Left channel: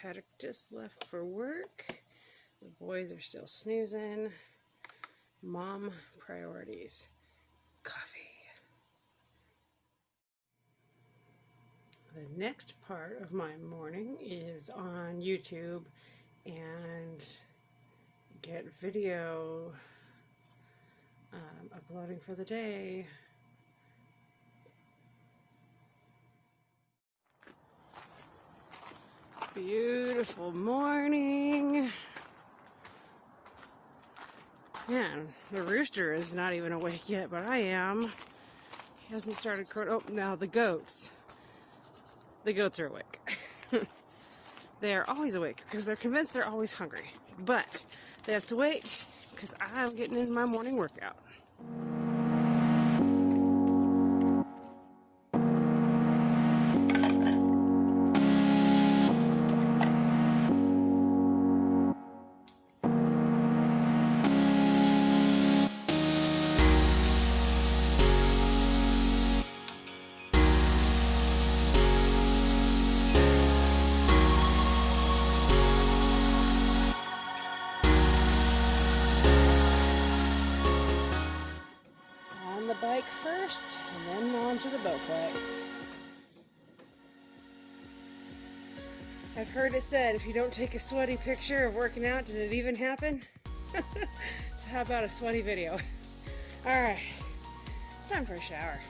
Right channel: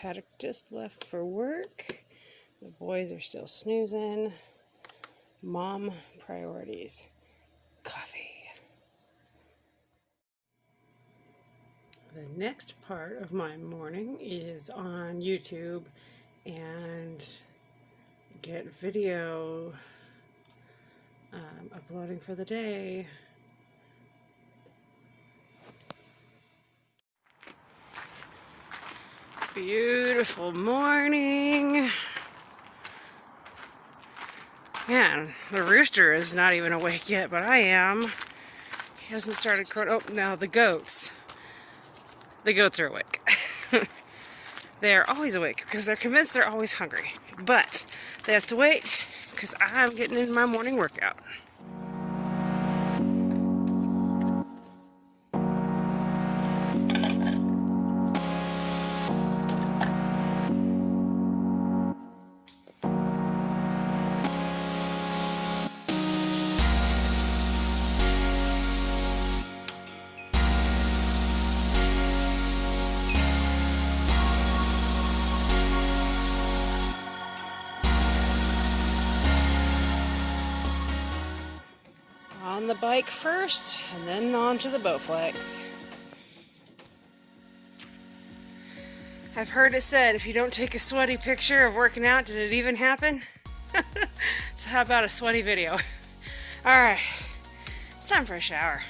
Paddock just left for work. The boys are still snoozing. Mom priorities. Coffee. The next part of my morning is on YouTube and get video uploading for the day. Beautiful morning. Man, the rooster is not even awake yet, but I am. He hasn't started crowing. Oh, now the goats. The goats are awake. They are always awake because they're convinced they're always hungry. But they have to wait because I'm getting in my morning workout. On the bike first, and then on to the Bowflex. I've heard it said, if you don't take a sweaty picture of working out, did it even happen? So how about a sweaty video? Alright, it's time for a shower.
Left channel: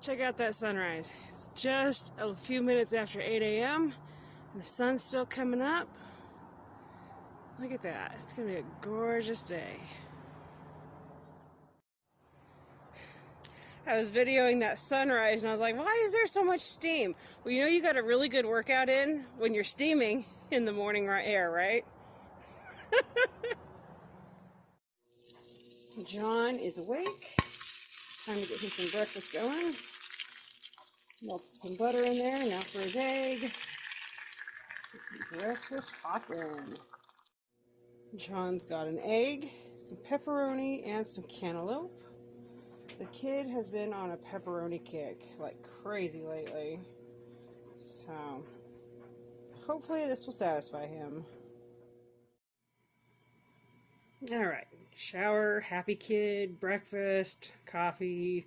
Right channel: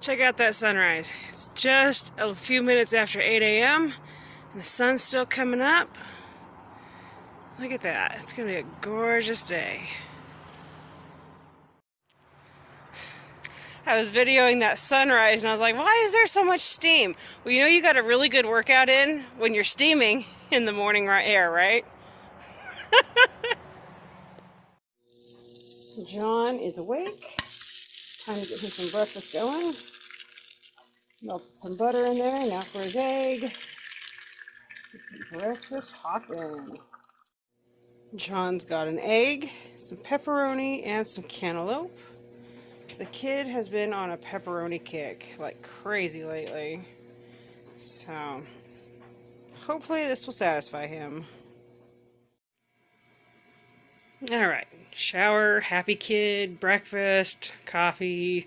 Check out that sunrise. It's just a few minutes after 8 a.m. and the sun's still coming up. Look at that. It's going to be a gorgeous day. I was videoing that sunrise and I was like, why is there so much steam? Well, you know you got a really good workout in when you're steaming in the morning air, right? John is awake. Time to get him some breakfast going. Melted some butter in there, now for his egg. Get some breakfast hopping. John's got an egg, some pepperoni, and some cantaloupe. The kid has been on a pepperoni kick like crazy lately. So, hopefully this will satisfy him. Alright, shower, happy kid, breakfast, coffee.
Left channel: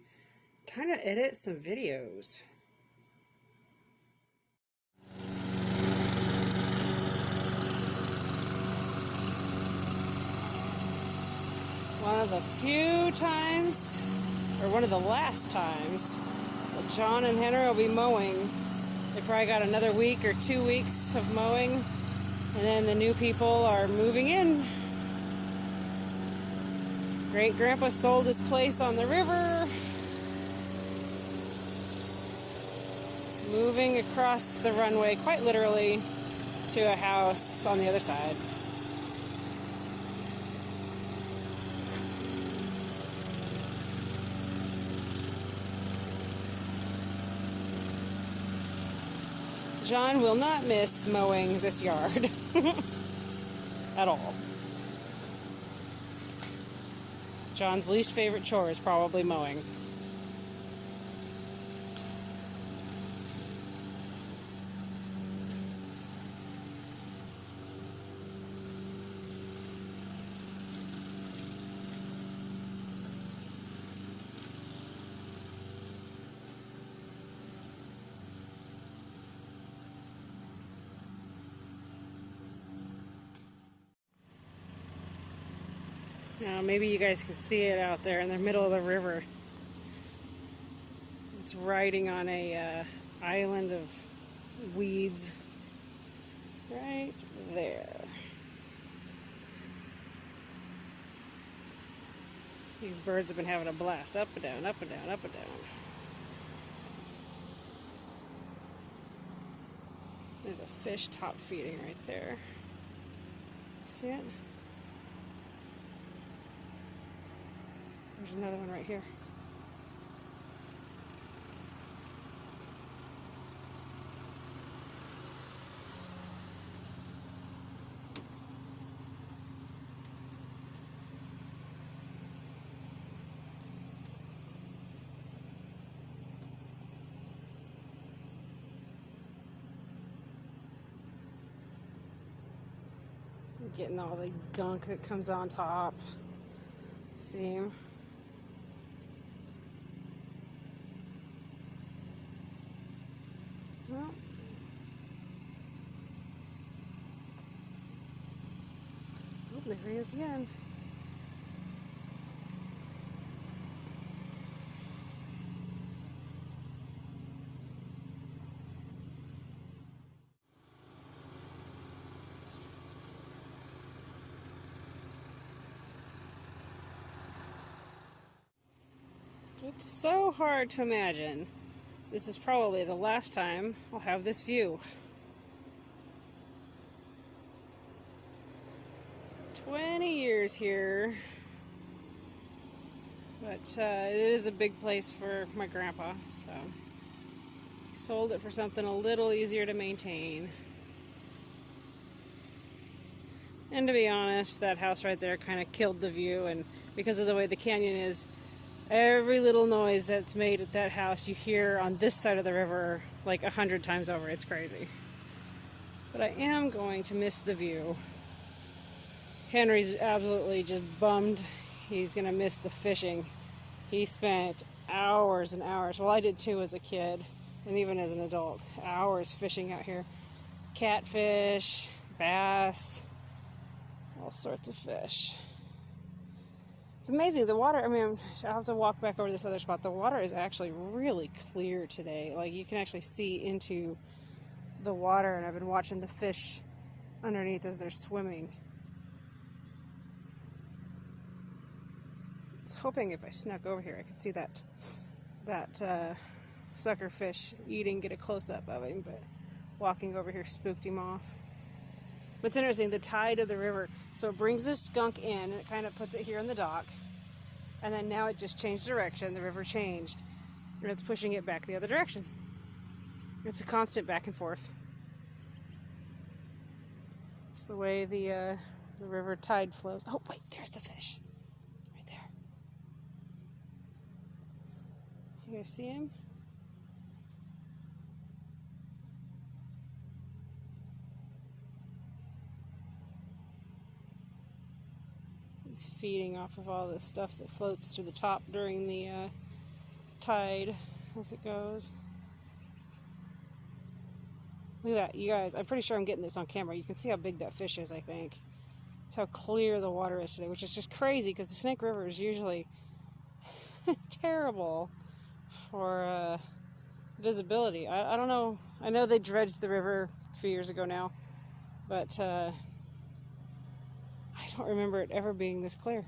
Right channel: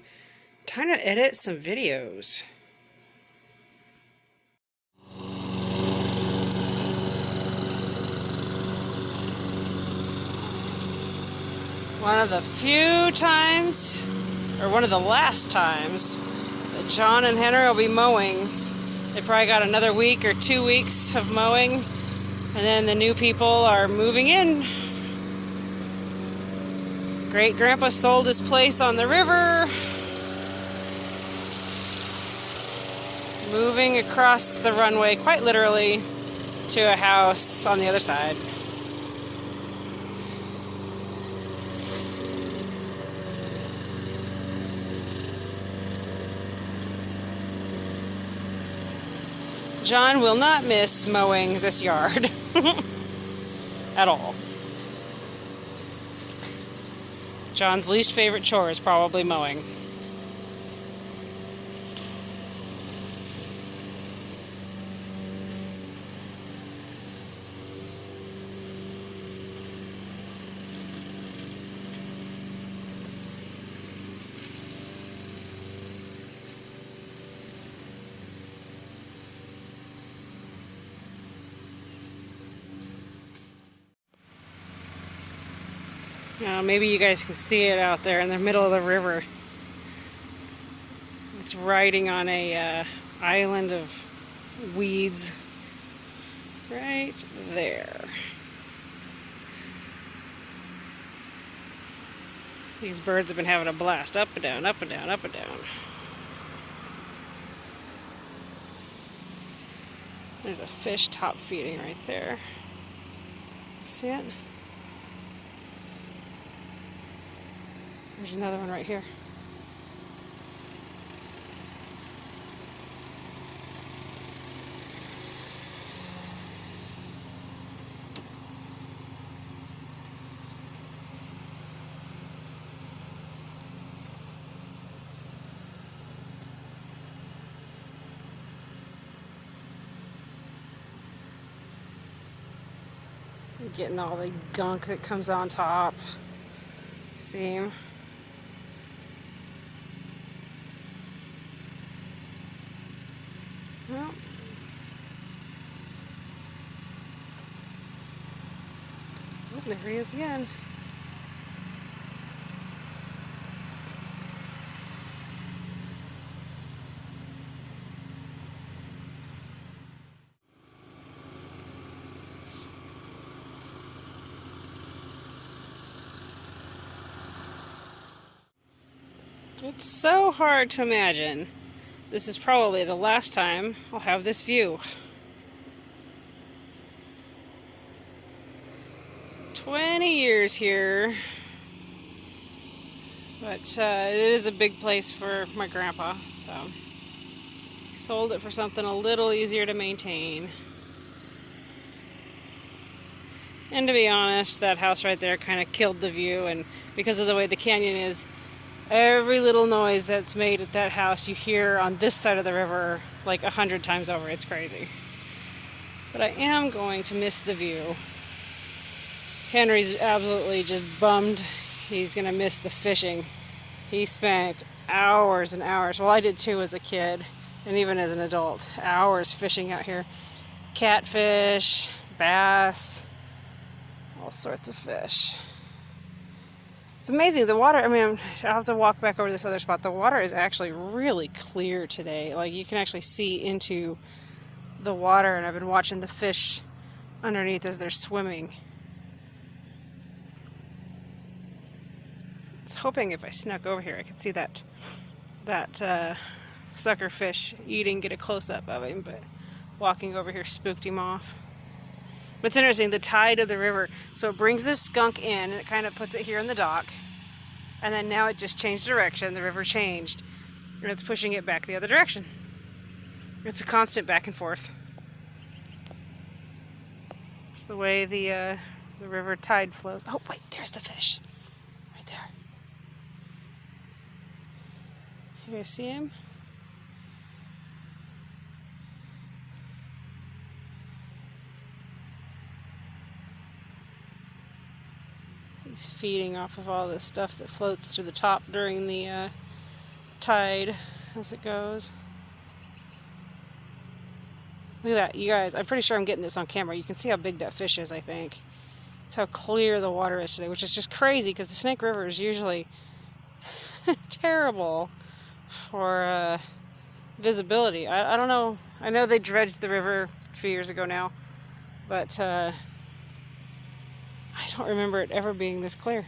Time to edit some videos. One of the few times, or one of the last times, that John and Henry will be mowing. They probably got another week or 2 weeks of mowing, and then the new people are moving in. Great Grandpa sold his place on the river. Moving across the runway, quite literally, to a house on the other side. John will not miss mowing this yard at all. John's least favorite chore is probably mowing. Now, maybe you guys can see it out there in the middle of the river. It's riding on a island of weeds right there. These birds have been having a blast, up and down, up and down, up and down. There's a fish top feeding right there. See it? There's another one right here. Getting all the gunk that comes on top. See? Well, oh, there he is again. It's so hard to imagine. This is probably the last time I'll have this view. 20 years here. But it is a big place for my grandpa, so he sold it for something a little easier to maintain. And to be honest, that house right there kind of killed the view, and because of the way the canyon is, every little noise that's made at that house you hear on this side of the river like 100 times over. It's crazy. But I am going to miss the view. Henry's absolutely just bummed. He's gonna miss the fishing. He spent hours and hours, well, I did too as a kid and even as an adult, hours fishing out here. Catfish, bass, all sorts of fish. It's amazing, the water, I mean, I'll have to walk back over to this other spot. The water is actually really clear today. Like, you can actually see into the water, and I've been watching the fish underneath as they're swimming. I was hoping if I snuck over here I could see that sucker fish eating, get a close-up of him, but walking over here spooked him off. But it's interesting, the tide of the river, so it brings this skunk in, and it kind of puts it here in the dock, and then now it just changed direction, the river changed, and it's pushing it back the other direction. It's a constant back and forth. It's the way the river tide flows. Oh wait, there's the fish, right there. You guys see him? He's feeding off of all this stuff that floats to the top during the tide as it goes. Look at that, you guys. I'm pretty sure I'm getting this on camera. You can see how big that fish is, I think. It's how clear the water is today, which is just crazy because the Snake River is usually terrible for visibility. I don't know. I know they dredged the river a few years ago now, but I don't remember it ever being this clear.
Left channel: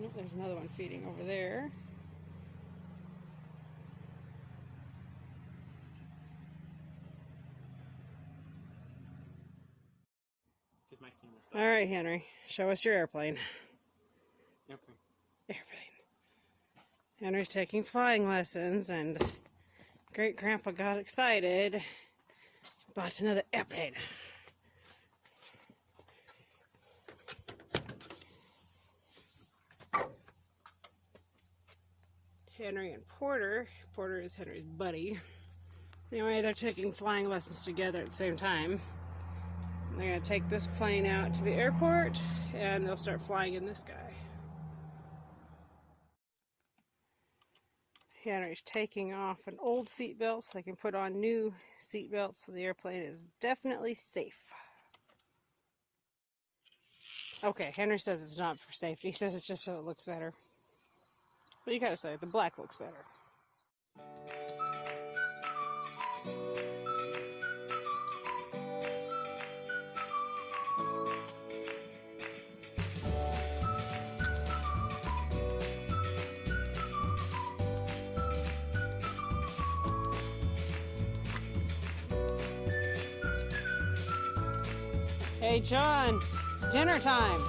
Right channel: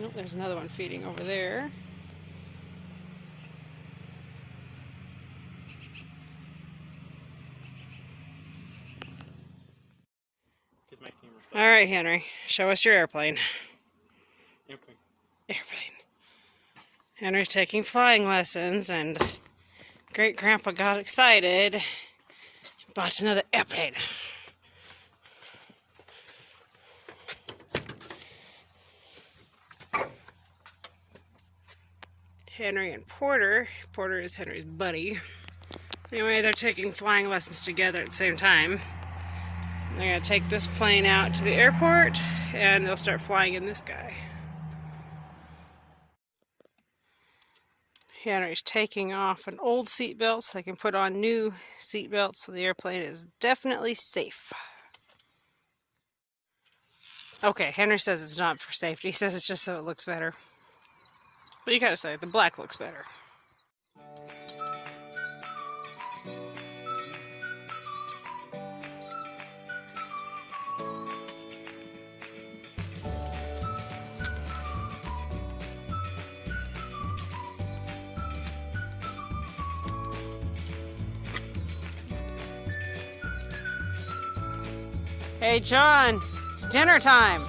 Nope, there's another one feeding over there. All right, Henry, show us your airplane. Airplane. Henry's taking flying lessons, and Great Grandpa got excited and bought another airplane. Henry and Porter. Porter is Henry's buddy. Anyway, they're taking flying lessons together at the same time. They're going to take this plane out to the airport, and they'll start flying in this guy. Henry's taking off an old seatbelt so they can put on new seatbelts, so the airplane is definitely safe. Okay, Henry says it's not for safety. He says it's just so it looks better. But you gotta say, the black looks better. Hey, John, it's dinner time.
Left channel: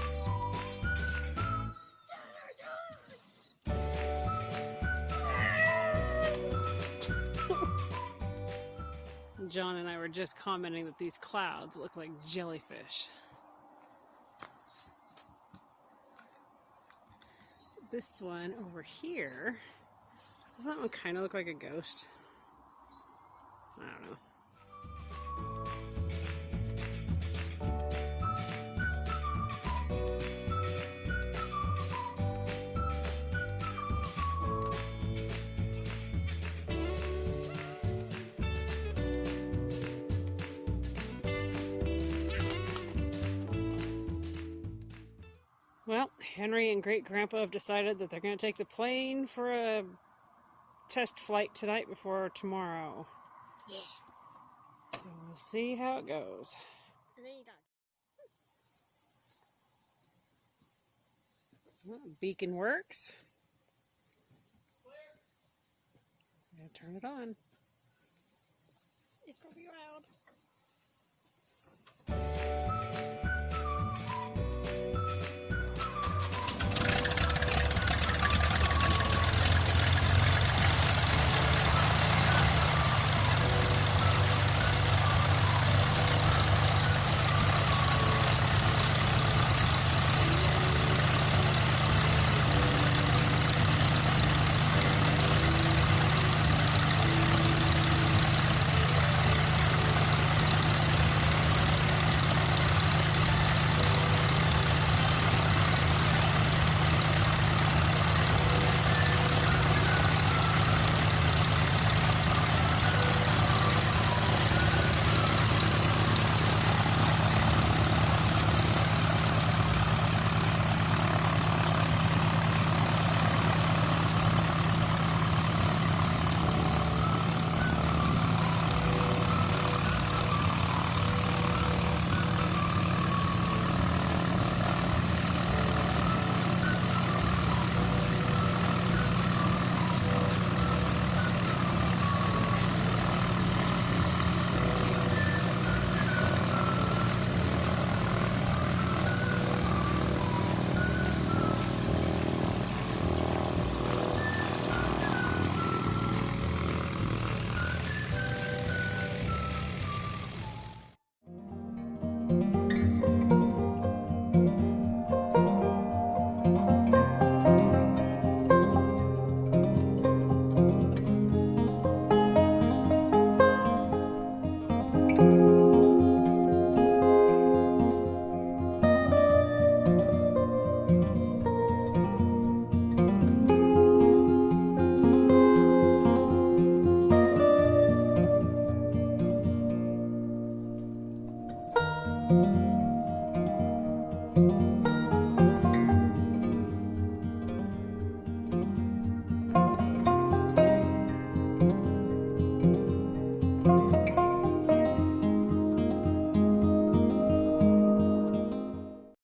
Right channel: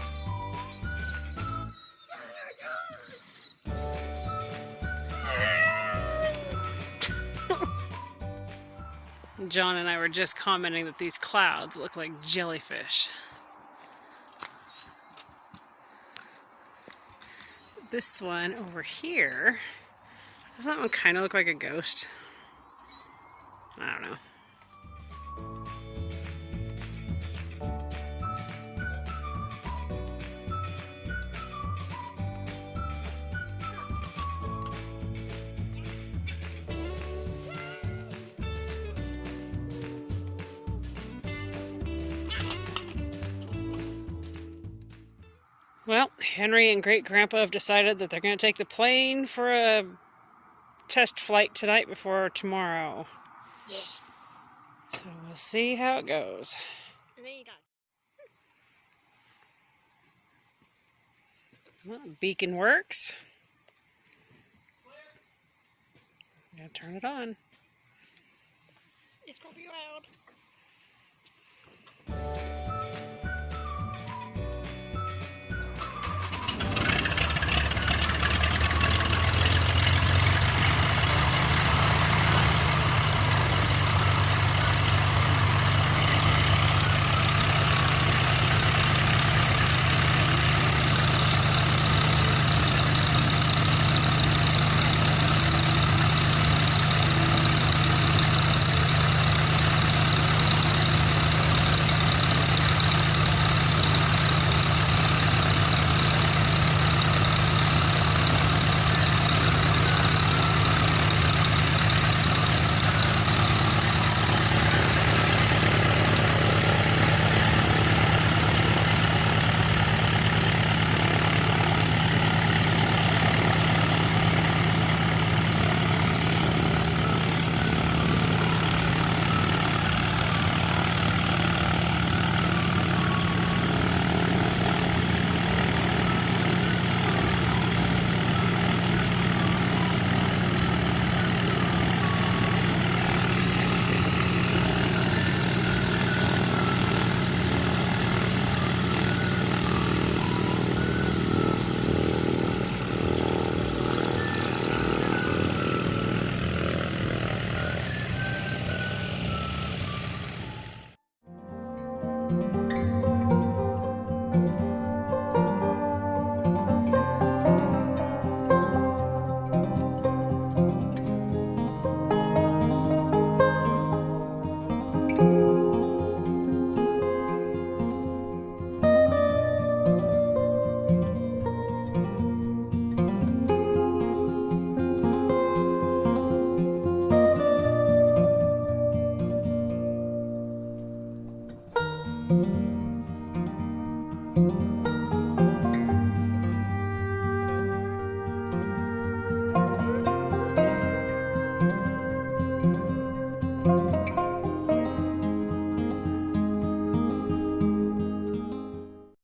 John and I were just commenting that these clouds look like jellyfish. This one over here Doesn't that one kind of look like a ghost? I don't know. Well, Henry and Great Grandpa have decided that they're going to take the plane for a test flight tonight before tomorrow. Yeah. So we'll see how it goes. Well, beacon works. Gotta turn it on. It's gonna be loud.